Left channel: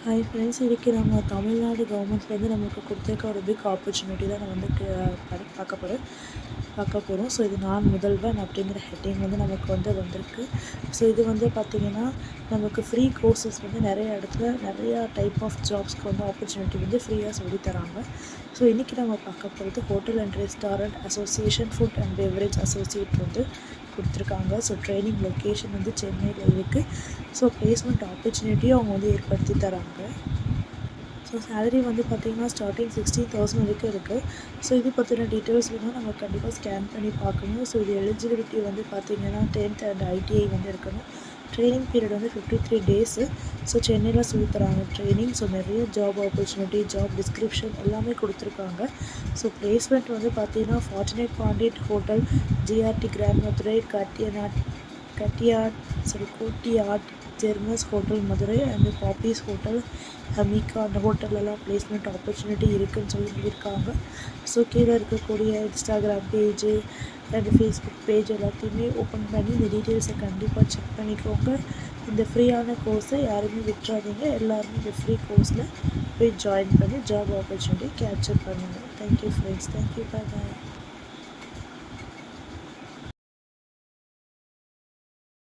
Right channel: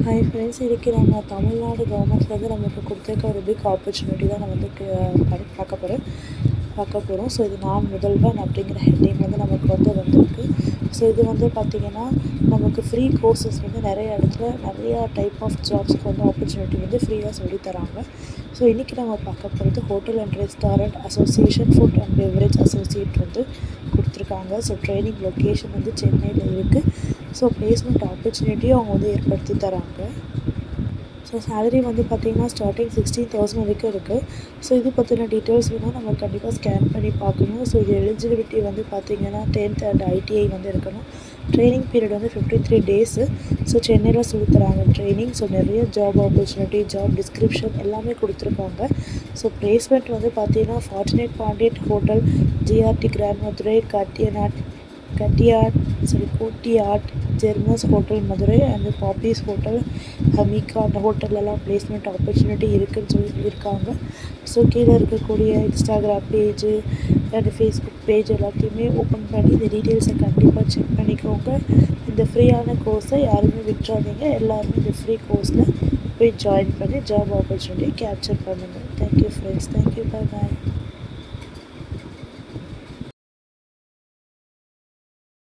Hi friends, இன்றைக்கி நம்ம தமிழ்நாடு கவர்மெண்ட்லேருந்து நமக்கு கொடுத்துருக்க ஒரு பிக் ஆப்பர்ச்சுனிட்டி தான் நான் வந்து பார்க்க போகிறோம். ஸோ இது நான் முதல்வன் அப்படிங்கிற ஹெட்டிங் வந்து நமக்கு வந்திருக்கு. ஸோ இது வந்து பார்த்திங்கன்னா நமக்கு ஃப்ரீ கோர்சஸ் வந்து நிறைய இடத்துல நிறையா டைப் ஆஃப் ஜாப்ஸ்க்கு வந்து ஆப்பர்ச்சுனிட்டி வந்து ஃப்ரீயாக சொல்லித்தராங்க. ஸோ இன்றைக்கி நம்ம பார்க்க போகிறது hotel and restaurant association, food and beverage associate வந்து கொடுத்துருக்காங்க. ஸோ ட்ரைனிங் லொக்கேஷன் வந்து சென்னையில் இருக்குது. ஸோ ப்ளேஸ்மெண்ட் ஆப்பர்ச்சுனிட்டியும் அவங்க வந்து ஏற்படுத்தி தராங்க. ஸோ சேலரி வந்து பார்த்திங்கன்னா ஸ்டார்டிங் 16,000 வரைக்கும் இருக்குது. ஸோ இது பற்றின டீட்டெயில்ஸ் வேணும் நம்ம கண்டிப்பாக ஸ்கேன் பண்ணி பார்க்கணும். ஸோ இது எலிஜிபிலிட்டி வந்து பார்த்திங்கன்னா 10th அண்ட் ஐடிஐ வந்து இருக்கணும். ட்ரைனிங் பீரியட் வந்து 53 டேஸு. ஸோ சென்னையில் சொல்லித்தராங்க ட்ரைனிங். ஸோ நிறைய ஜாப் ஆப்பர்ச்சுனிட்டி, ஜாப் டிஸ்கிரிப்ஷன் எல்லாமே கொடுத்துருக்காங்க. ஸோ ப்ளேஸ்மெண்ட் வந்து பார்த்திங்கன்னா fortunate Pandiyan hotel, GRT grand Madurai, கோட்டியாட், ஜெர்மஸ் hotel Madurai and Poppys hotel, ஹமிகா அந்த ஹோட்டல்லலாம் ப்ளேஸ்மெண்ட் ஆப்பர்ச்சுனிட்டி இருக்குதுன்னு சொல்லியிருக்காங்க. ஸோ கீழே இருக்கக்கூடிய Instagram page and Facebook page எல்லாத்தையுமே ஓப்பன் பண்ணி இந்த டீட்டெயில்ஸை கண்டிப்பாக செக் பண்ணிக்கோங்க. இந்த ஃப்ரீயான கோர்ஸை யாருமே விட்டுறாதீங்க. எல்லாருமே இந்த ஃப்ரீ கோர்ஸில் போய் ஜாயின் பண்ணி ஜாப் ஆப்பர்ச்சுனிட்டி கேப்சர் பண்ணுங்கள். Thank you friends. தேங்க்யூ. பாய்.